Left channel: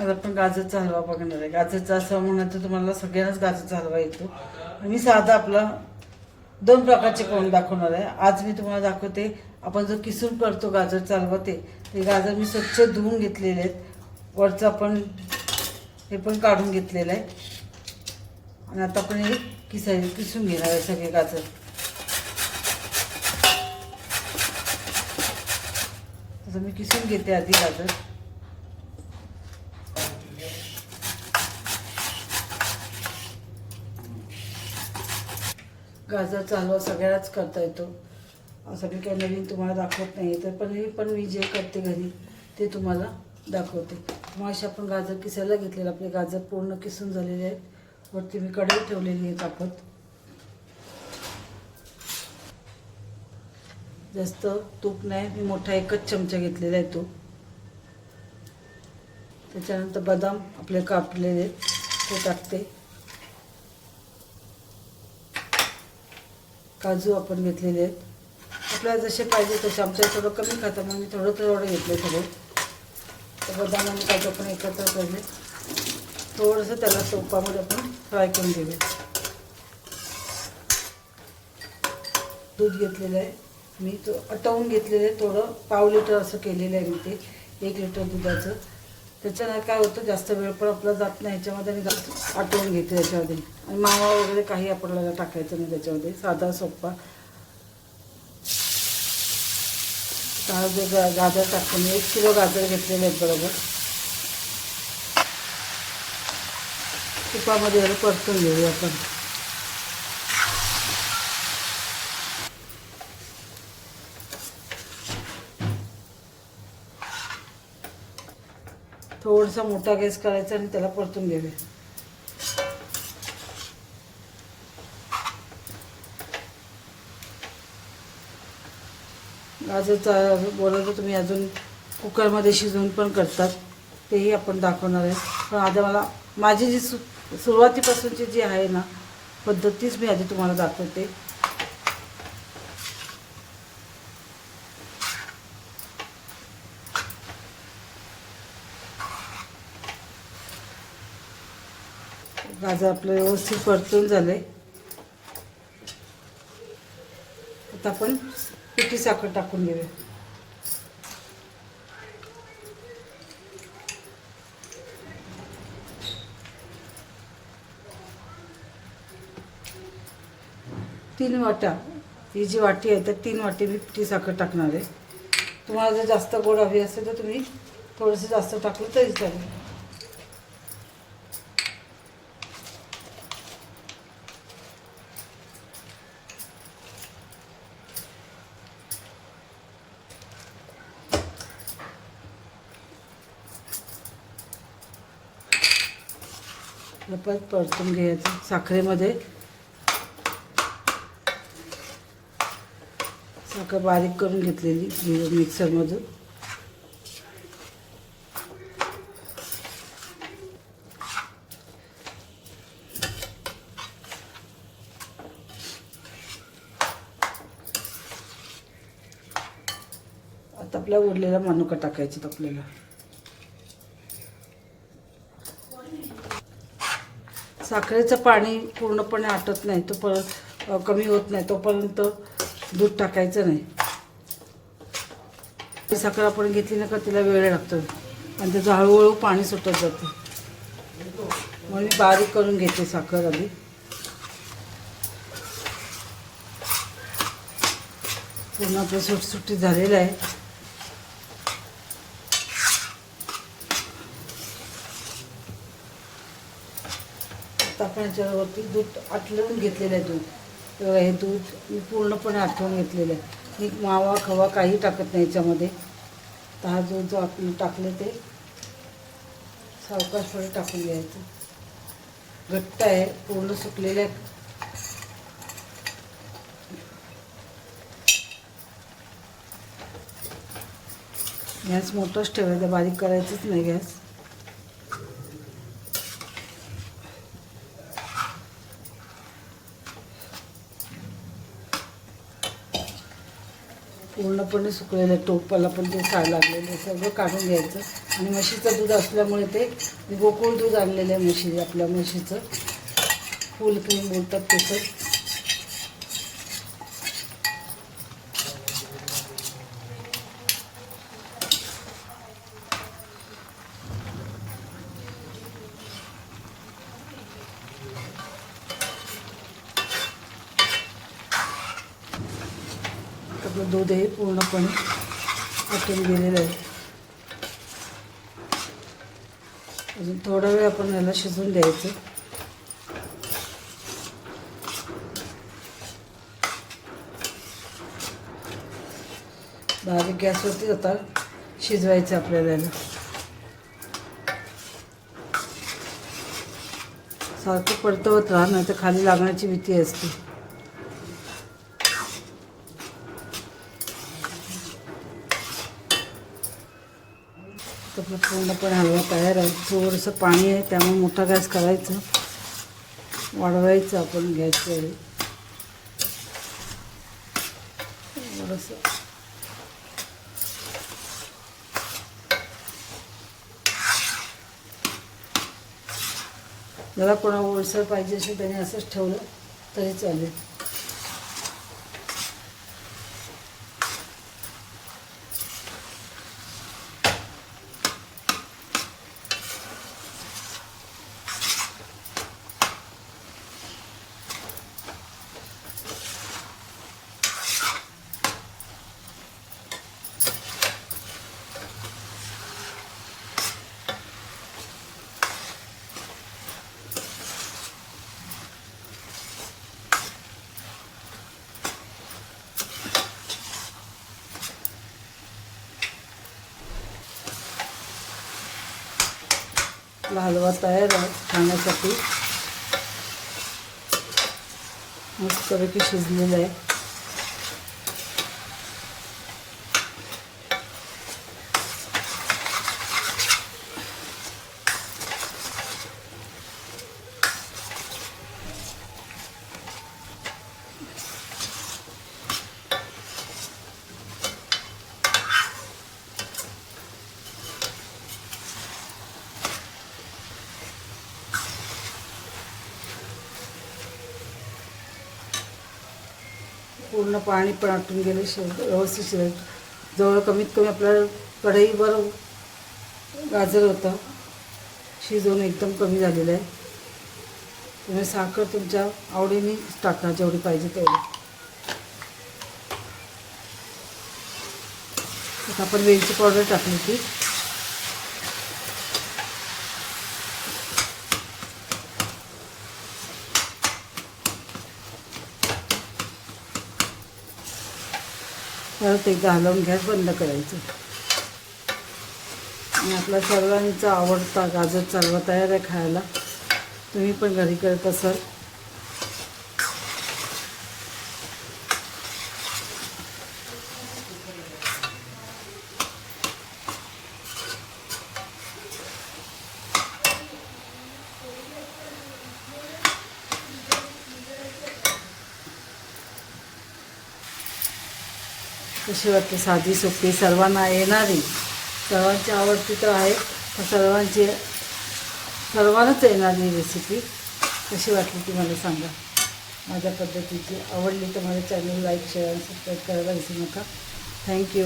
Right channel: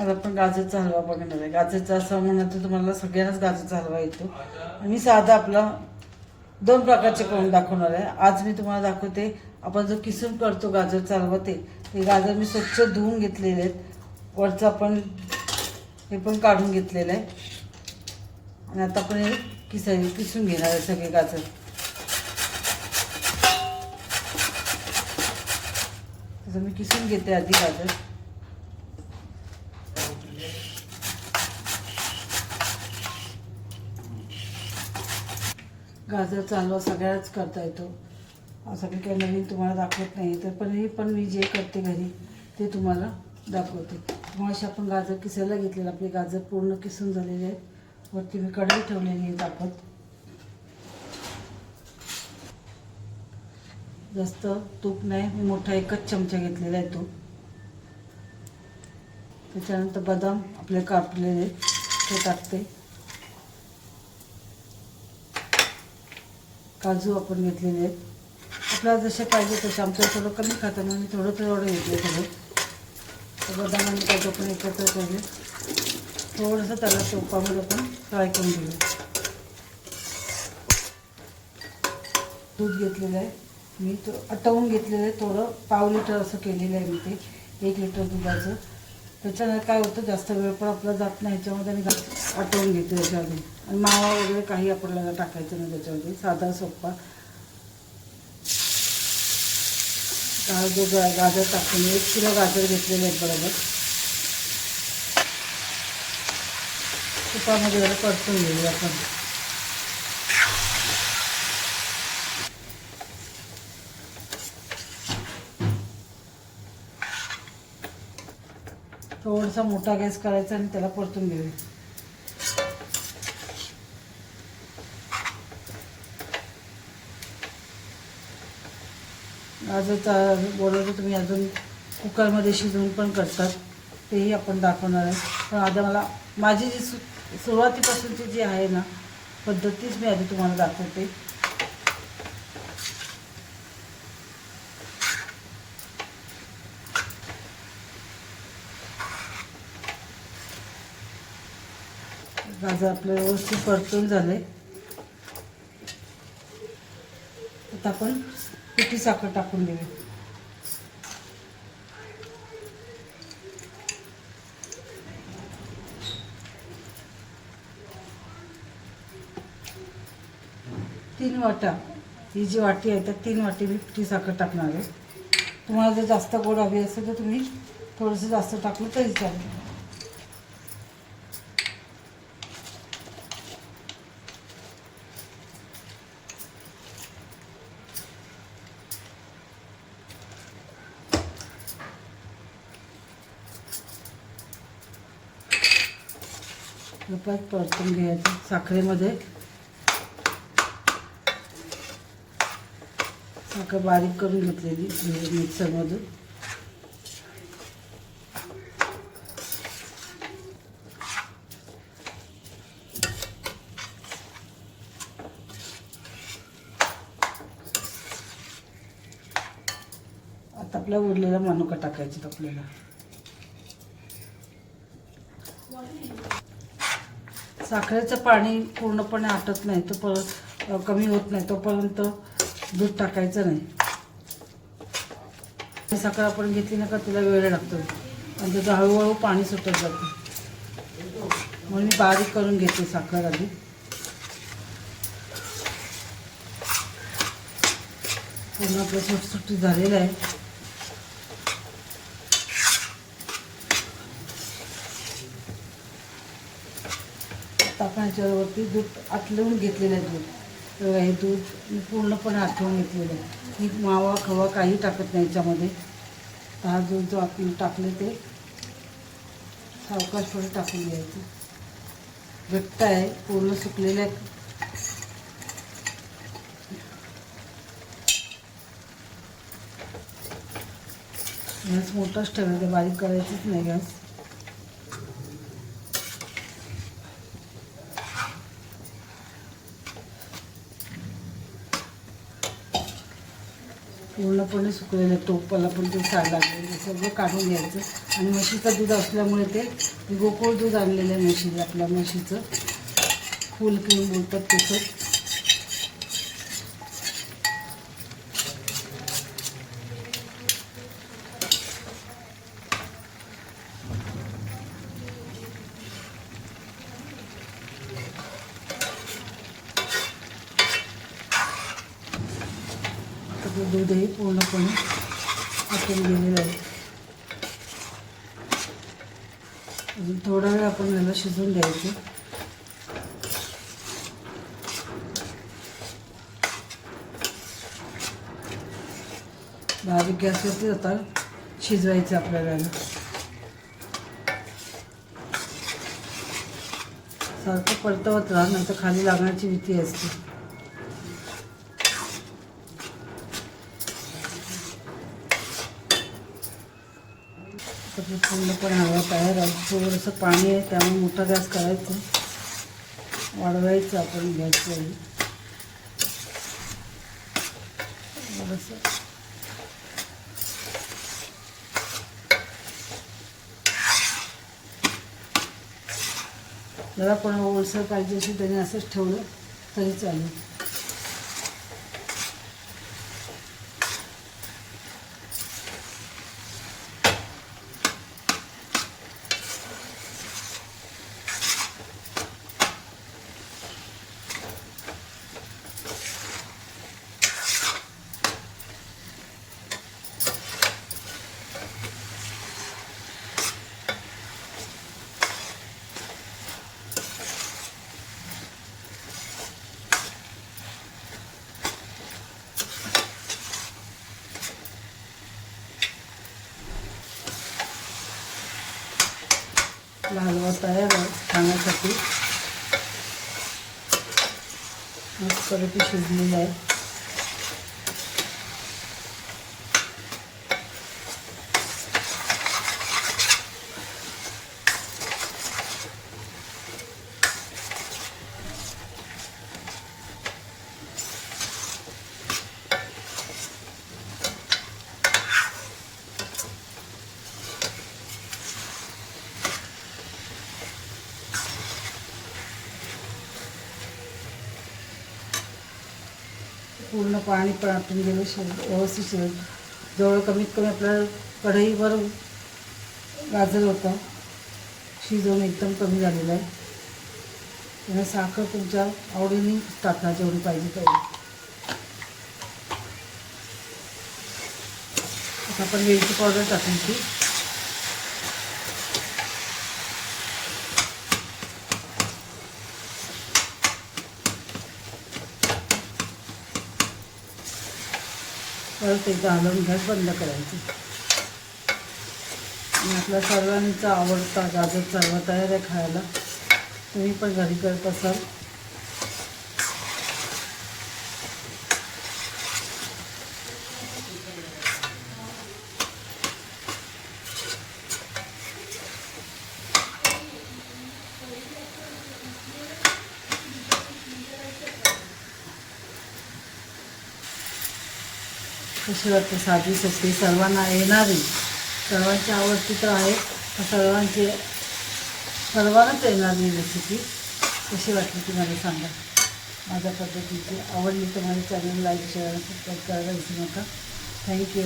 आज आपण गाजरचा हलवा बघणार आहे. गाजरचा असं म्हणत तर तुम्हाला सगळ्यांनाच गाजरचा हलवा येतो. मी साधा आपला दोन प्रकारचे करून दाखवणार आहे. आज मी तुम्हाला दाखवते आपण जो किसून करतो गाजरचा हलवा ते ते गाजर मी स्वच्छ धुवून घेतलेले आहेत. वरचं आपण हे पण काढून घेतलेलं आहे. आणि आता आपण हे किसाय किसून घेणार आहे सगळे गाजर. आता मी किसून घेते आधी गाजर. गाजरचा हलवा सगळ्याच करता येतो. असं मी काही नवीन तुम्हाला दाखवत नाही तर पण मी पण मी जे करते घरी ते तुम्हाला दाखवते. मग आपण गाजर किसायला घेतलेलं आपले गाजर पूर्ण किसून झालेले आहेत. वरती मी कढई ठेवलेली आहे तापत जास्त तूप नाही मी मोठा एकच चमचा घेतलेला आहे तूप त्याच्यानंतर बदाम आपले कापलेले ते टाकते. काजू आपण घेतलेले आहेत. आपल्याला जसे पाहिजे तसे आमच्या थोडं कमी खाताना मी थोडं थोडं घेतले थोडे तर बदाम आणि काजू आपण एकत्र केले थोडंसं त्याला सोपामध्ये आपण फ्राय करून घेऊया. दूध घेतलेलं आहे. मी तो आटवून घेतलेलं आहे. थोडं पाव लिटर असं केलेलं आहे मी ते. एक लिटर दुधाचं. त्याच्यानं काय होतं जास्त वेळ पण आपला जात नाही. ह्याच्यामध्ये मी आटवून घेते याच्यामध्ये. आणि मावा वगैरे काही आपल्याला टाकायचं नाही त्याच्यामध्ये. साधा सोप्पा काय जो गाजर टाकतो मी एक किलो गाजर घेतलेले आहेत बरोबर. तुपामध्ये जरा परतून घेऊ आपण. थोडासा मोठा गॅस करायचा आणि त्याला परतून घ्यावे गाजरचा बोलवलं तुम्ही अजून कुकरमध्ये शिजवून पण करतात. तेही आपण दाखवणार आहे. पण आता मला माझी जी सु सुरुवातीपासूनची जी आहे ना पद्धतीच मी आधी तुम्हाला दाखवते. गाजर आपलं व्यवस्थित परतून झाले आता आपण पिठी साखर टाकून देऊया. तीन वाटा ही जी वाटी आहे तर तीन वाटी मी पिठी साखर टाकणार आहे. तुम्हाला जर जास्त गोड हवी असेल तर तुम्ही थोडंसं जास्त टाकलं तरी चालेल. हे परत परतून घ्यायचं साखरेमध्ये. साखर बारीक करून घेतलेली मिक्सरमधून. आता आपल्या उरलेला मनुका टाकायचे आपल्याला. साखरेचं पाणी पूर्णपणे आटत नाही तो परत कमी होत नाही तोपर्यंत दूध टाकायचं नाही. ती साखर आपण घेतली ना का तिला वेळ लागतो आणि त्याचं हळूहळू पाणी सुटत जातं. म्हणून मी बारीक करून घेते साखर आधी. पूर्ण आपलं सुटसुटी झालेलं आहे. तापण्याच्या वरती दूध आटलवून घेतलेलं आहे दूध. हे दूध पूर्णपणे आठवून घेतलेलं आहे. मी मावा खवा काही टाकत नाही याच्यामध्ये. तर हा दूध जो आपण टाकलं ते सावकाश थोडं टाकून घ्यायचं. घट्ट आहे पूर्ण सुकलेलं आहे. गॅस मोठाच ठेवायचा बारीक करायचंच नाही गॅस. पूर्णपणे सुकलेलं टोपाला पण ते खायला लागलेलं सगळं काढून घ्यायचं. आणि म्हशीचं दूध असल्यामुळे ते गोकुळ दूध आणलेलं आहे म्हशी आपल्या म्हशीचं. फुल पिऊन बोलतात तसं आपलं दूध हे पूर्णपणे आटून गेलेलं आहे. अजून थोडा वेळ आपण याला शिजवून द्यायचं. बारीक गॅसवरती होता शिजवायचं आपल्याला याला. सारखं परतवत राहा नाही तर खाली लागण्याची भीती असते. त्याची पूर्णपणे हवा तयार आहे थोडंसं पाणी आहे त्यामुळे मोठा गॅस करायचं. वाढवायचं आपण गॅस वेळी जरा कोणा ओळसर पाहिजे असेल त्याने असंच ठेवलं तरी चालेल. आपला हलवा तयार आहे खाण्यासाठी. मस्तपैकी शिजलेला आहे. पूर्ण पाणी पण आतून गेले शिज व्यवस्थित शिज जवळ कमीत कमी आपल्याला कढईवर गाजर होतं. शिजवून एकदम कमी झालेलं आहे. तुम्ही साखर तुमच्या आवडीने टाकणार जेवढी पाहिजे तेवढी. आता आपण वेलची पावडर टाकायची तर ते घालून गॅस बंद करायचं. आपल्या सर्वांचा आवडता गाजर हलवा तयार आहे खायला. तुम्ही पण घरी करत असाल. कशी वाटते साधी सोपी सर्वांना येणारी. सर्वांची आवडती तर आहे सर्वांची सर्वांनाच येणारी रेसिपी कशी वाटली ती मला सांगा. माझ्या पद्धतीची आवडली तर माझ्या चॅनल लाईक शेअर सबस्क्राईब करायला विसरू नका. थँक्यू